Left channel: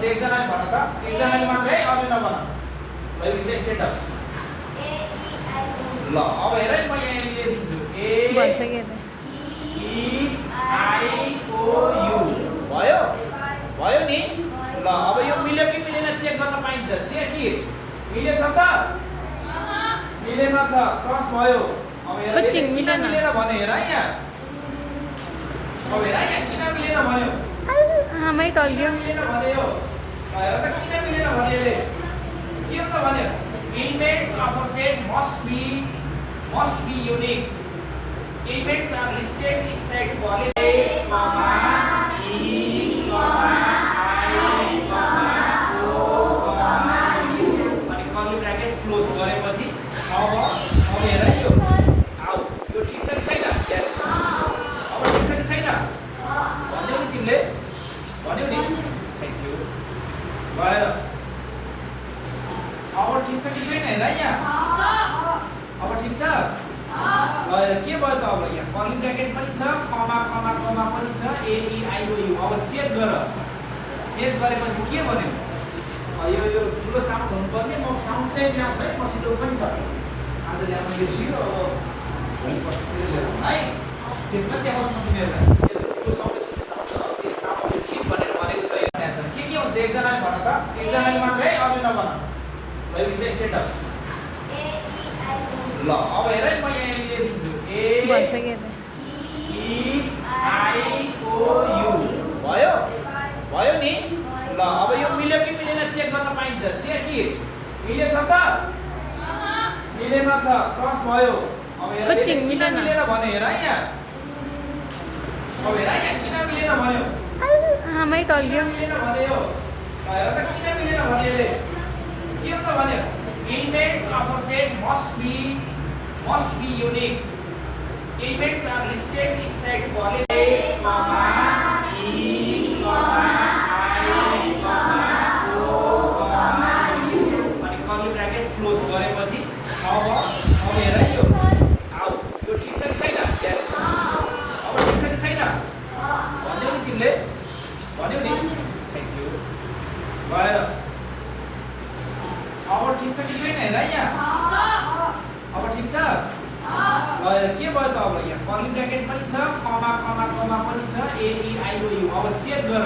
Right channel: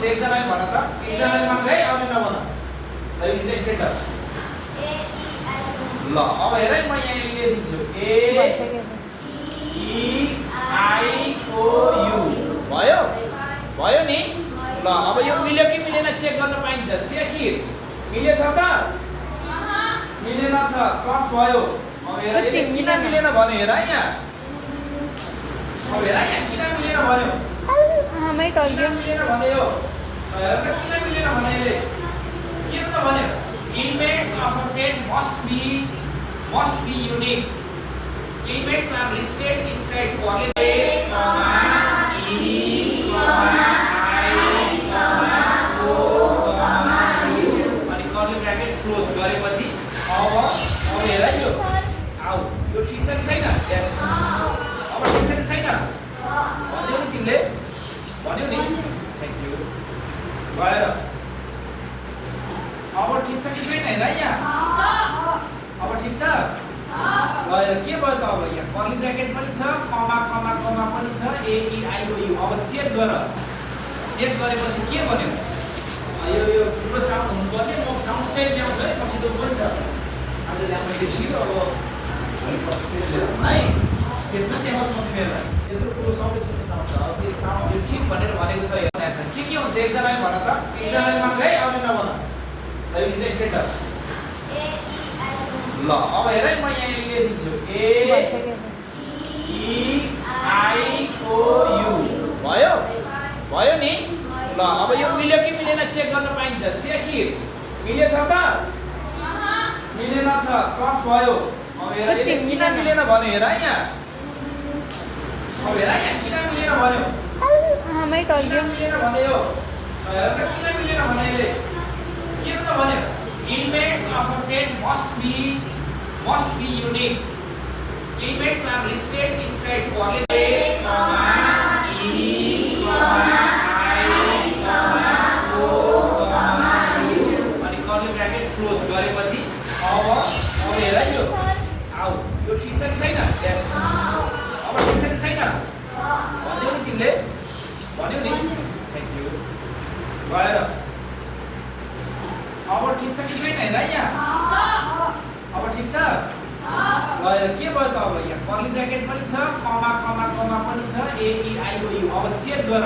हुन्छ एकजनाले भन त एकजनाले मात्रै अझै नभन ल यो विशेष सेट ल अब हेर है म यहाँ लेखिदिन्छु ए ई आई ओ यु भयो भयो नि ल अब यो मिल्यो कि मिलेन चेक गर्न पाइन्छ चेक कि मिलेछ त मिलेन छ क्रस भयो अब हेर किन मिलेन भन्यो हेर यहाँ अब हेर यहाँ किन मिलेन भन्यो आमै टल्यो मिलेन भन्यो हेर त किन मिलेन भन्यो यसले के हो त भन्यो elements of a set must be unique elements are listed inside curly a comma e comma I comma o comma u अनि कर्ली ब्र्याकेट क्लोज गरेपछि अब हेर यो आउ यो ठीक छ कि छैन यस अब ठीक छ कि छैन भन्यौ नि तिमीले भन्यौ नि थ्यांक यू भएर अब ठीक छ कि छैन हेर यहाँ अब ठीक छ ल हेर के भयो त अब यहाँ कर्ली ब्र्याकेट पनि छ कमा कमा कमा पनि छ ए ई आई ओ यु अब चेक गरेपछि के भन्यो यो ठुलो साउन्ड हुनुपर्ने म साउन्ड चाहिँ ल्याउँछु है मसिनो पनि छ आज ल्याउनु बिर्सियो अब पछि ल्याउँ है त्यसमा त्यहाँ सक्दैन यत्रो ठुलो साउन्ड सुन्ने साउन्ड छ अब यो साउन्ड ठिक भनेर भनेको छ यहाँ के हुन्छ एकजनाले भन त एकजनाले मात्रै अझै नभन ल यो विशेष सेट ल अब हेर है म यहाँ लेखिदिन्छु ए ई आई ओ यु भयो भयो नि ल अब यो मिल्यो कि मिलेन चेक गर्न पाइन्छ चेक कि मिलेछ त मिलेन छ क्रस भयो अब हेर किन मिलेन भन्यो हेर यहाँ अब हेर यहाँ किन मिलेन भन्यो आमै टल्यो मिलेन भन्यो हेर त किन मिलेन भन्यो यसले के हो त भन्यो elements of a set must be unique elements are listed inside curly a comma e comma I comma o comma u अनि कर्ली ब्र्याकेट क्लोज गरेपछि अब हेर यो आउ यो ठीक छ कि छैन यस अब ठीक छ कि छैन भन्यौ नि तिमीले भन्यौ नि थ्यांक यू भएर अब ठीक छ कि छैन हेर यहाँ अब ठीक छ ल हेर के भयो त अब यहाँ कर्ली ब्र्याकेट पनि छ कमा कमा कमा पनि छ ए ई आई ओ यु अब चेक गर